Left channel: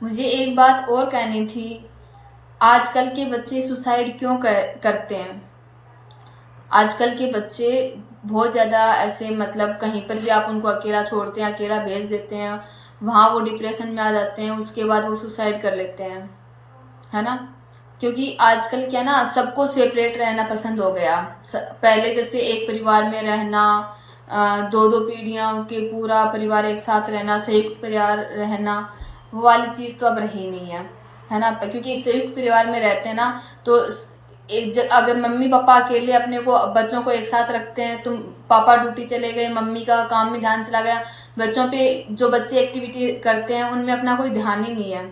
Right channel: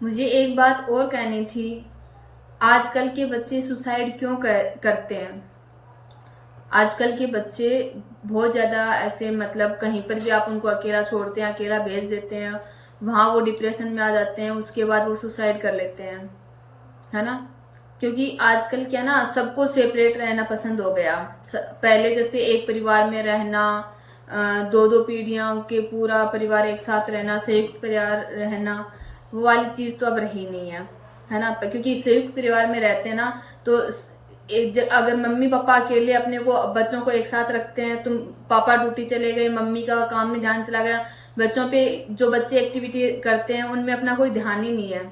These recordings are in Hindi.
मुझे एक बात और कहनी थी। आजकल के बच्चे सुसाइड क्यों करते हैं? आजकल के बच्चे बहुत ज़्यादा ऐसे, मतलब कहीं पर भी आप उनको अकेला छोड़ते हैं, अकेला भेज देते हैं, वहाँ वो डिप्रेशन में आ जाते हैं, उसके बाद वो सुसाइड कर लेते हैं, है ना? क्योंकि आजकल क्या ना, सबको सेपरेट रहना पसंद हो गया। पहले जैसे एक परिवार में रहना, दो दो पीढ़ियां के पूरा परिवार एक साथ रहना, संयुक्त परिवार रहना, वो वाली चीज़ तो अब रही नहीं है ना? क्योंकि संयुक्त परिवार में रहते हैं ना, तो अगर मम्मी पापा अकेले अपने को बच्चों को एक साथ रखते हैं, तुम पापा ड्यूटी चले गए, मम्मी का काम में ध्यान चला गया, बच्चों पे जो बच्चे एक्टिविटी करते हैं उनमें अपना कोई ध्यान ही नहीं है।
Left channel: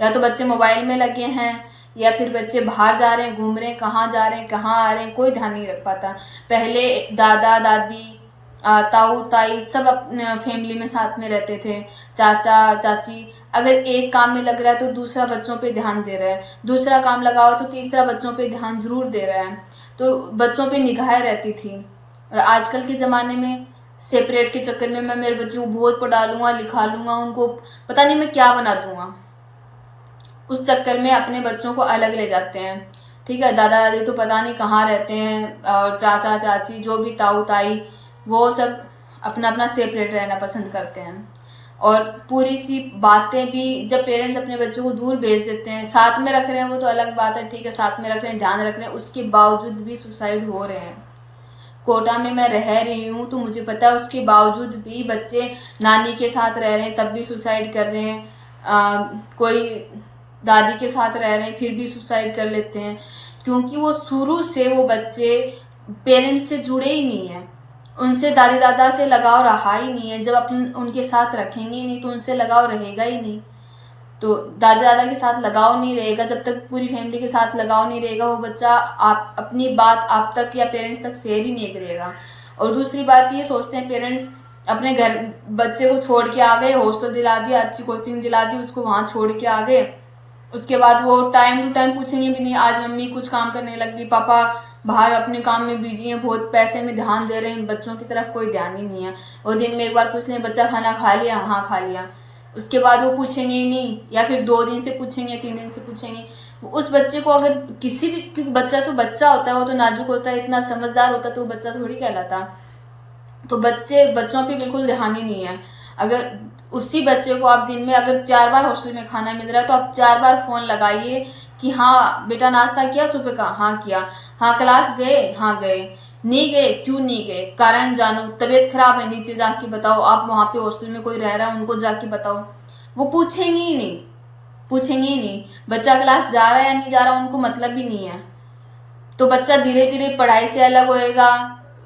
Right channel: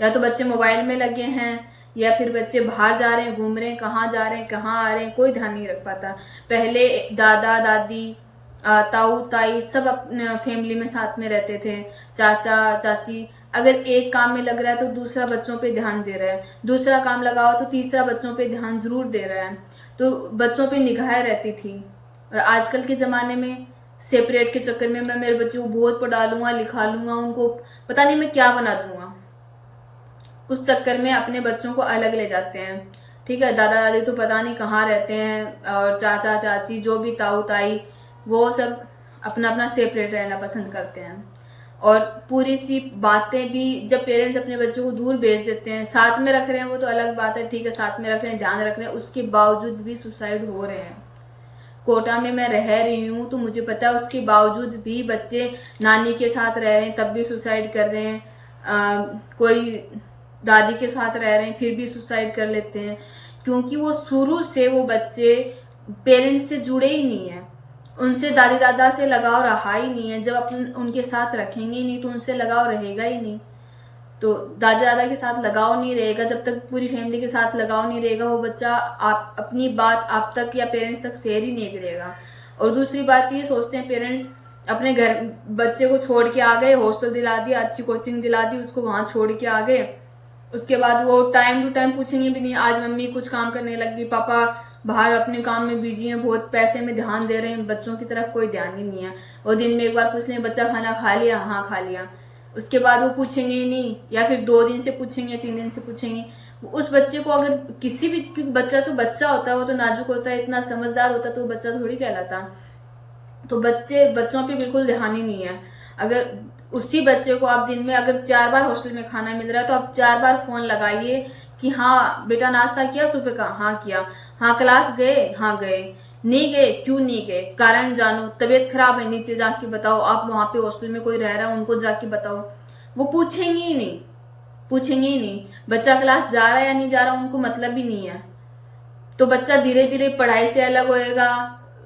या तो बच्चे मोबाइल में लगे हैं, या फिर बच्चे बाहर जा रहे हैं, घूम रहे हैं, कहाँ जा रहे हैं, कहाँ आ रहे हैं, कोई ध्यान नहीं रख पाता। पहले दादा दादी, ताऊ ताई सब अपने फैमिली में साथ में रहते थे। चाचा चाची अगर एक काम में लग रहा है तो दूसरा बच्चों पे ध्यान दे रहा है, दूसरा काम लगाओ तो तीसरा बच्चों पे ध्यान जरूर दे रहा है। तो बच्चों पे निगाहें रहती थी। और आजकल के ज़माने में सेपरेट के चक्कर में मैं मेरे बच्चे को बहुत पढ़ा लूँगा, लिखा लूँगा, उनको पता नहीं मैं क्या बना दूँगा, उस चक्कर में अपने बच्चों को अलग ले जाते हैं। ठीक है, दादा दादी तो पता नहीं कहाँ रहते हैं, और चाचा चाची जो भी ताऊ ताई, वो सब अपना अपना सेपरेट रहना पसंद करते हैं। और पूरी सी बातें भी जब पेरेंट्स अपने बच्चों को दूर भेज देते हैं, साथ में रख रहे हैं वो तो अलग बात है, ठीक है, साथ में रख रहे हैं, ध्यान रख रहे हैं, उसके बावजूद भी सुसाइड हो रहे हैं। कोटा में मैं रह रही हूँ तो मुझे पता है, उसके बावजूद भी बच्चे नानी के साथ रह रहे हैं तब भी सुसाइड कर रहे हैं, कोई दादी के साथ रह रहे हैं फिर भी सुसाइड कर लेते हैं। क्योंकि वो शुरू से वो बच्चे पेरेंट्स से जुड़े ही नहीं हैं, उनसे दादी दादा से लगाव रहा ही नहीं है। जब अपन उनके साथ रखेंगे ही नहीं तो उनसे लगाव रहेगा ही नहीं। तो दादा दादा के साथ लगाव नहीं रहेगा, जब तक पूरी फैमिली के साथ लगाव नहीं रहेगा, वो बच्चा आप अपनी बात आप तक या पेरेंट्स तक शेयर ही नहीं करेगा। और दूसरी बात ये सोचते हैं पेरेंट्स, अपने घर बच्चे को छोड़ के आ गए, हॉस्टल दिला दिया, अच्छी कोचिंग दिला दी, उसको वहाँ छोड़ के आ गए, उसके बाद वो टाइम टू टाइम पूछेंगे भी नहीं, आज मम्मी कुछ काम करने लगी, पापा बाहर अपने काम में बिजी हैं, बहुत पैसे में ध्यान दे रहे हैं, बच्चों की तरफ कोई ध्यान ही नहीं है। और दिन में एक बार पूछ लें, बच्चा खाना खा लिया? हाँ खा लिया। उसके बाद वो पूछेंगे ही नहीं, या फिर 2 दिन से पूछेंगे, 3 दिन से पूछेंगे। उस बच्चे को अगर किसी भी, क्योंकि बच्चा तो बच्चा होता है, वो तो नाजुक होता है, इतना समझदार होता तो वो बच्चा थोड़ी कहलाता। तो बच्चों पे बिल्कुल ध्यान ही नहीं है। अगर उसी बच्चे को आप दिन में अगर 4 बार हॉस्टल में खाना मिल रहा है तो आप 4 बार फोन लगाइए कि हाँ बेटा नाश्ता किया सुबह का? हाँ किया। हाँ क्लास गए? हाँ गए। नहीं गए? क्यों नहीं गए? कारण जानो। तबीयत खराब है, नीचे जाके बताओ। आप वहां पे हॉस्टल में कोई रह रहा है उनको जाके बताओ। वो पूछेंगे ही नहीं, पूछेंगे ही नहीं। बच्चा क्लास जा रहा है या नहीं जा रहा उनको मतलब ही नहीं है। तो बच्चा धीरे धीरे पढ़ाई से अलग होएगा,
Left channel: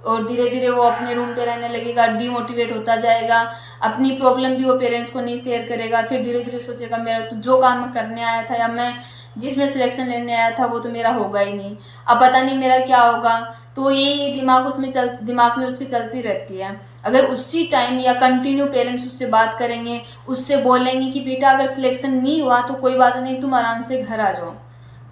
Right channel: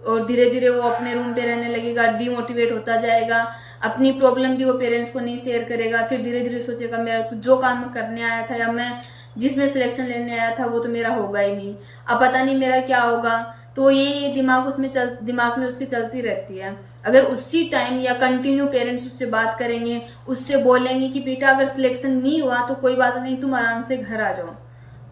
और धीरे धीरे वो अपने रूम पे रहने लगेगा, डीमोटिवेट होता जाएगा, अपनी प्रॉब्लम भी वो पेरेंट्स को नहीं शेयर करेगा। फिर धीरे धीरे सोचेगा मेरा तो जो काम मैं करने आया था या मैं जिसमें सिलेक्शन लेने आया था वो तो मेरा होगा ही नहीं, अब पता नहीं मेरा क्या होगा। तो ये दिमाग में उसकी चलती रहती है। अगर उसी टाइम या कंटिन्यू पेरेंट्स उससे बात करेंगे, उससे बोलेंगे कि बेटा अगर सिलेक्शन नहीं हुआ तो कोई बात नहीं, तुम आराम से घर आ जाओ,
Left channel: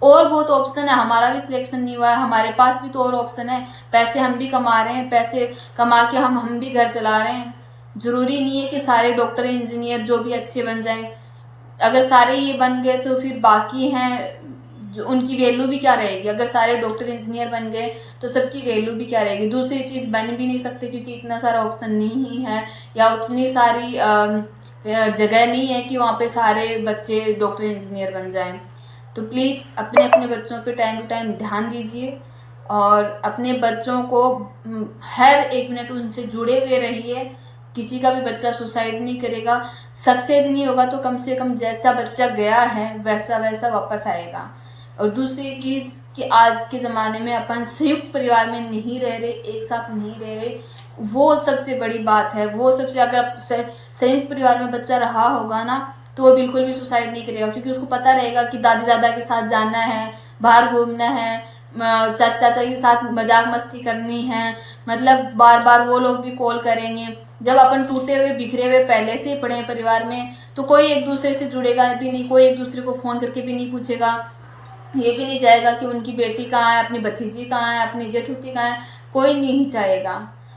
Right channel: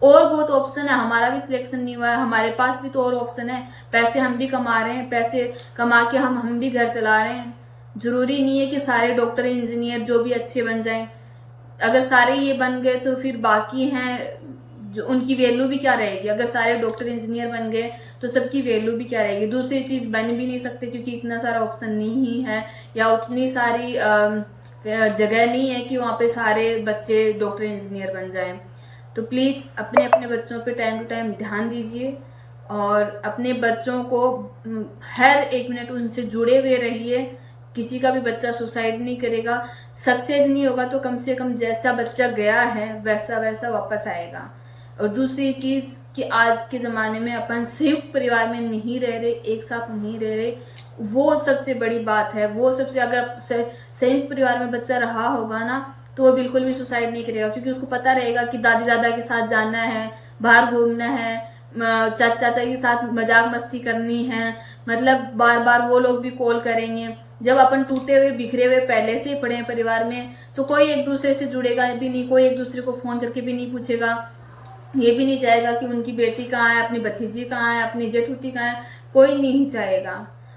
और बहुत ऑप्शन है, हमारा भी सिलेक्शन नहीं हुआ है, हमारे पास भी तो और ऑप्शन है, पैसे हम भी कमा रहे हैं, पैसे कमा के हम भी घर चला रहे हैं। जरूरी नहीं है कि सारे डॉक्टर इंजीनियर जो भी अच्छे बन जाएं। अगर सारे ये बन गए तो फिर बाकी हैं जो, उनकी वैल्यू भी क्या रहेगी? अगर सारे डॉक्टर इंजीनियर बन गए तो सबकी वैल्यू भी क्या रहेगी? दूसरी चीज बन भी नहीं सकते क्योंकि इतना सारा ऑप्शन नहीं है, या उतनी सारी जगह नहीं है कि वहाँ पे सारे बच्चे डॉक्टर इंजीनियर बन जाएं। तो प्लीज़ अपने अपने बच्चों पे टाइम टू टाइम ध्यान दीजिए, और अपने बच्चों को हर 1 मिनट उनसे जुड़े हुए रहिए। किसी का भी बच्चा सुसाइड नहीं करेगा, सक्सेस नहीं होगा तो कम से कम जैसा बच्चा गया है वैसा वैसा वापस आएगा। और दूसरी चीज़ कि आज के ज़माने में अपन संयुक्त परिवार में नहीं रह रहे, एक साथ नहीं रह रहे, वो सबसे बड़ी बात है। वो सबसे, अगर संयुक्त परिवार में बच्चा रहा होगा ना तो वो बिल्कुल भी सुसाइड नहीं करेगा, क्योंकि उसको पता रहेगा कि दादी दादा के साथ जाना है, बाहर घूमना है, चाचा चाचा के साथ मजाक मस्ती करनी है, मतलब बार बार वो लोग भी कॉल करेंगे। जब अपन टूटे हुए बिखरे हुए पहले से ही पड़े हैं परिवार में तो कोई एक दूसरे से जुड़ेगा भी नहीं, कोई एक दूसरे को फोन करके भी नहीं पूछेगा, ये भी नहीं चाहेगा कि उनकी बेटी कहाँ है, अपनी भतीजी कहाँ है, अपनी जेठूती कहाँ है, कोई नहीं चाहेगा।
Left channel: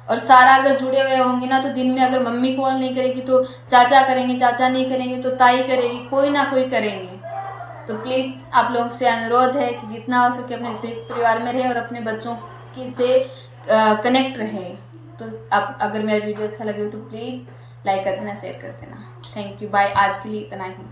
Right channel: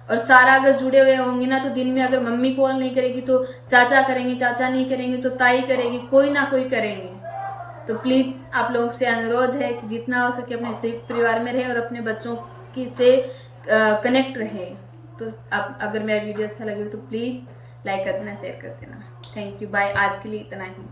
और सारा अगर जुड़े हुए होंगे ना, तो दिन में अगर मम्मी कॉल नहीं करेगी तो चाचा करेंगे, चाचा नहीं करेंगे तो ताई करेगी, कोई ना कोई करेंगे। तो प्लीज़ आप लोगों से अनुरोध है कि जितना हो सके अपने संयुक्त परिवार में रहे और अपने बच्चों की से कनेक्ट रहे। तो आप अगर मेरा वीडियो अच्छा लगे तो प्लीज़ लाइक कर देना, शेयर कर देना। Thank you, bye. आज के लिए इतना ही।